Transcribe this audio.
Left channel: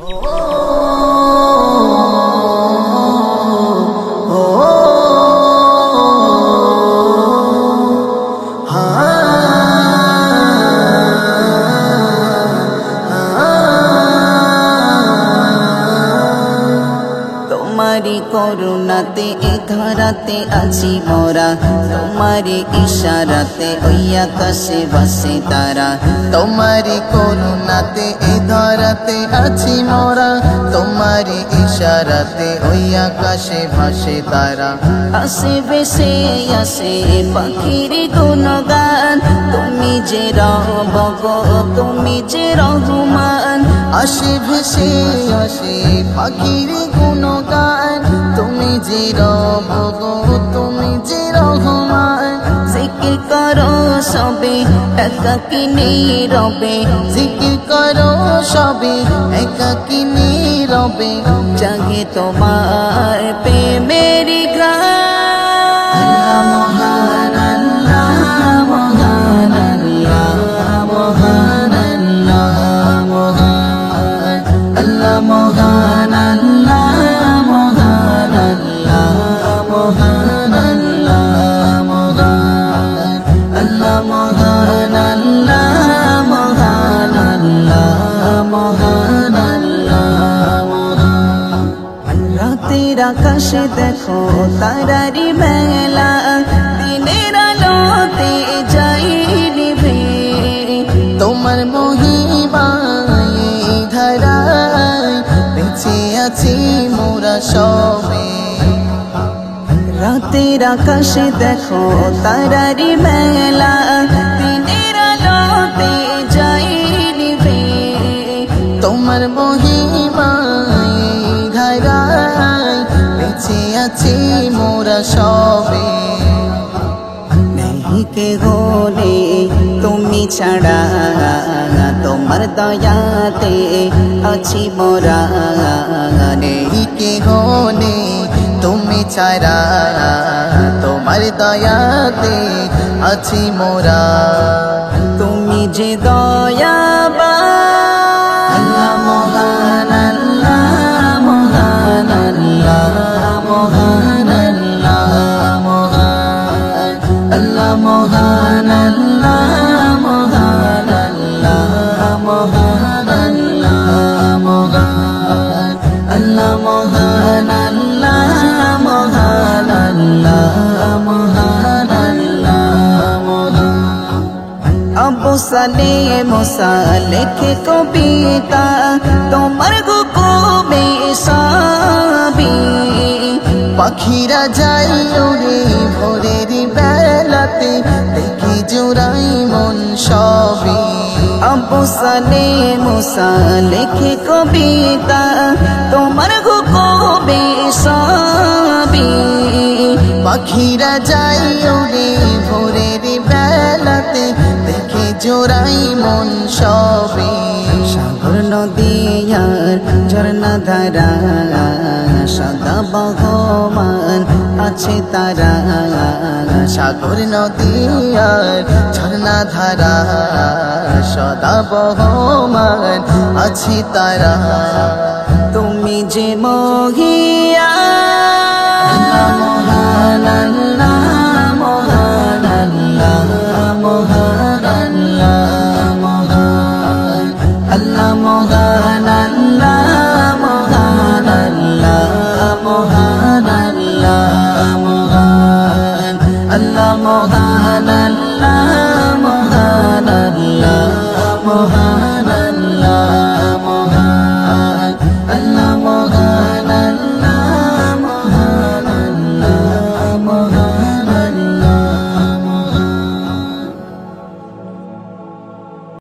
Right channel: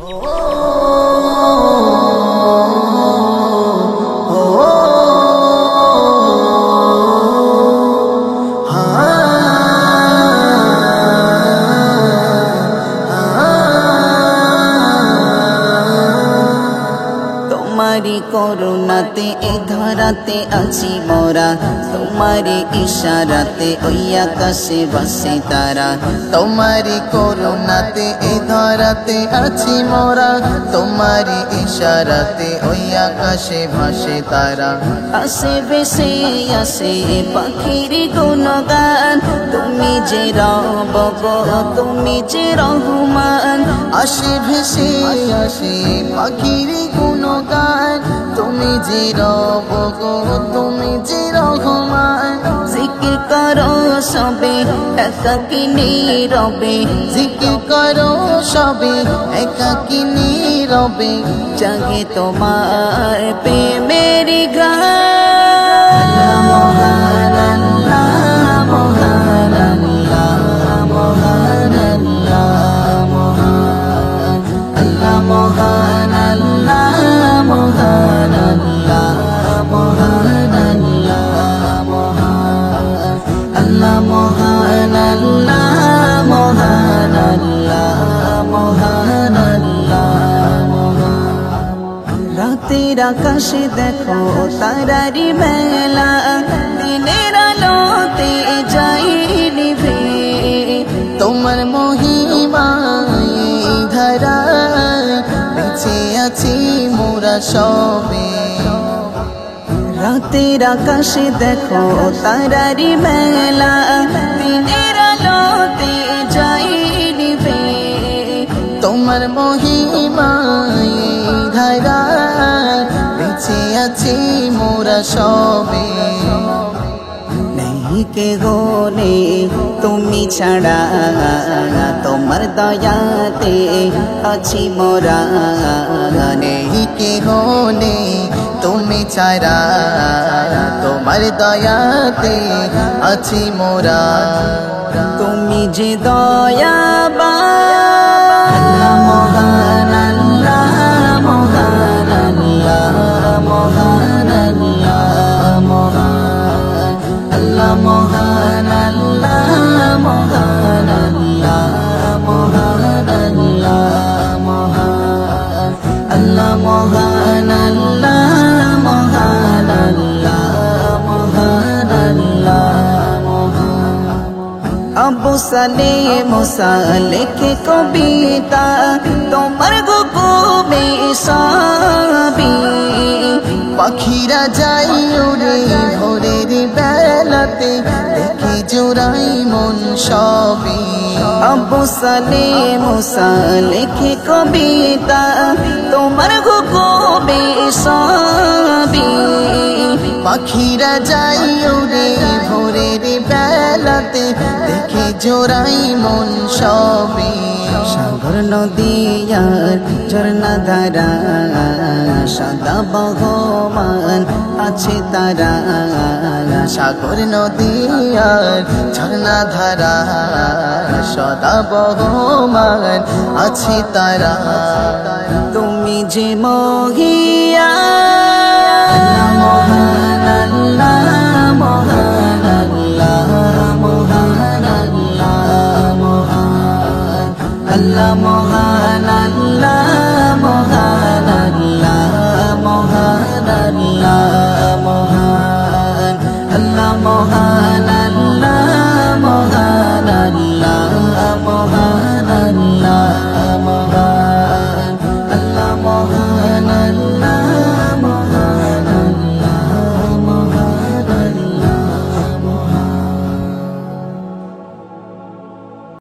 তোমারি করুণাতে এ ধরাতে আছি মোরা, তোমারি ইশারাতে ওই আকাশে ভাসে তারা। তোমারি করুণাতে এ ধরাতে আছি মোরা, তোমারি ইশারাতে ওই আকাশে ভাসে তারা। আসে ভেসে আসে পাখির গুণগান, তুমি যে রব গো তুমি যে রহমান। আসে ভেসে আসে পাখির গুণগান, তুমি যে রব গো তুমি যে রহমান। জিকির করো সবে একাকী নীরবে, জিকির করো সবে একাকী নীরবে। জাগে তোমার প্রেমেরি গান। মহান আল্লাহ মহান আল্লাহ মহান আল্লাহ মহান আল্লাহ মহান আল্লাহ মহান আল্লাহ মহান আল্লাহ মহান আল্লাহ মহান আল্লাহ মহান আল্লাহ মহান আল্লাহ মহান। রাতের আকাশে দেখো তারারি মেলা, দিনের আলোতে যাই নিভে। তোমার মহিমায় ধারায় বেঁচে আছি মোরা সবে। রাতের আকাশে দেখো তারারি মেলা, দিনের আলোতে যাই নিভে। তোমার মহিমায় ধারায় বেঁচে আছি মোরা সবে। নেই কে গোনে তুমি ছাড়া, তোমার দয়াতে আছি মোরা। নেই কেহ নেই তুমি ছাড়া, তোমার দয়াতে আছি মোরা। তুমি যে দয়াবান। আল্লাহ মহান আল্লাহ মহান আল্লাহ মহান আল্লাহ মহান আল্লাহ মহান আল্লাহ মহান আল্লাহ মহান আল্লাহ মহান আল্লাহ মহান আল্লাহ মহান আল্লাহ মহান আল্লাহ মহান। আবু সালে মুসা লেখে কবিতা, তোমার হুকুমে সাবি। পাখিরা যাই উড়ে ভোরের বেলাতে, দেখি জোড়াই মন সবই। আবু সালে মুসা লেখে কবিতা, তোমার হুকুমে সাবি। পাখিরা যাই উড়ে ভোরের বেলাতে, দেখে জোড়াই মন সবে। সাগর নদীয়ার ঝর্ণা ধারা, সদা বহমান আছে তারা। সাগর নদী আর ঝর্ণা ধারা, সদা বহমান আছে তারা। তুমি যে মহিয়ান। মহান আল্লাহ মহান আল্লাহ মহান আল্লাহ মহান আল্লাহ মহান আল্লাহ মহান আল্লাহ মহান আল্লাহ মহান আল্লাহ মহান আল্লাহ মহান আল্লাহ মহান